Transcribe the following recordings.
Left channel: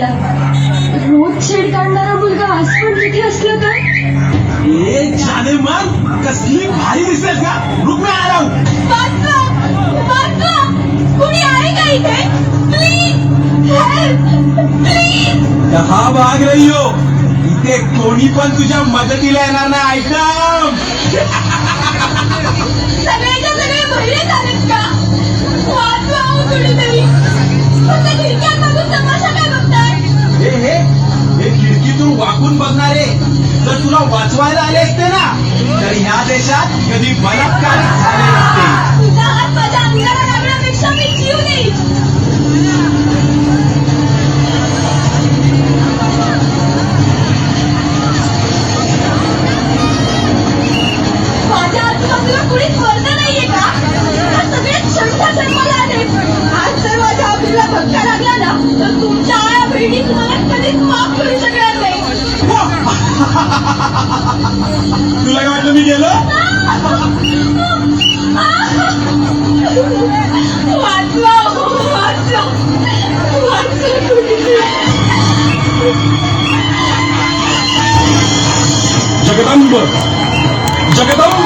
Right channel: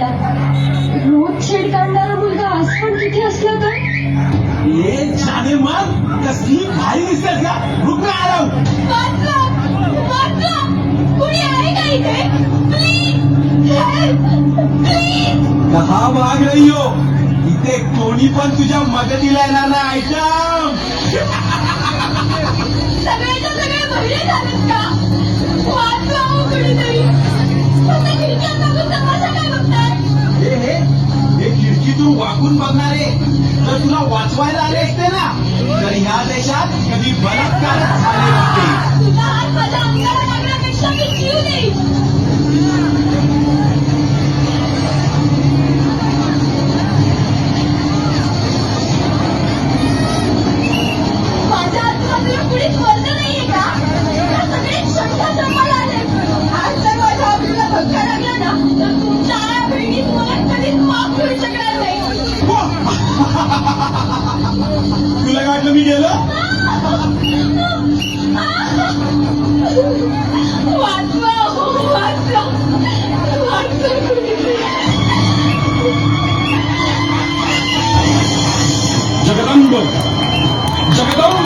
करायला रोज छेड काढणारा मुलगा आज पण तिथे असलं का ए जाने कसली भारी दिसतेस ना रुक आला दहा भाग रही हो इथे कोणी पण तुझ्या मदतीला येणार नाही ऐका. खिडकीतून बघणारे. जर तुला वाचवायला आले असते ना? तर ह्या देशात कधी बलात्कार तुला काय वाटलं मी गेलो वाचवा हो, वाचवा वाचवा कुणीतरी. जगदंब जगदंब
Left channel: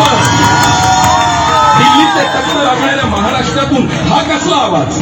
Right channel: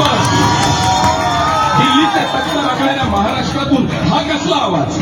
दिल्लीचे तख्त लागणाऱ्या महाराष्ट्रातून हा कसला आवाज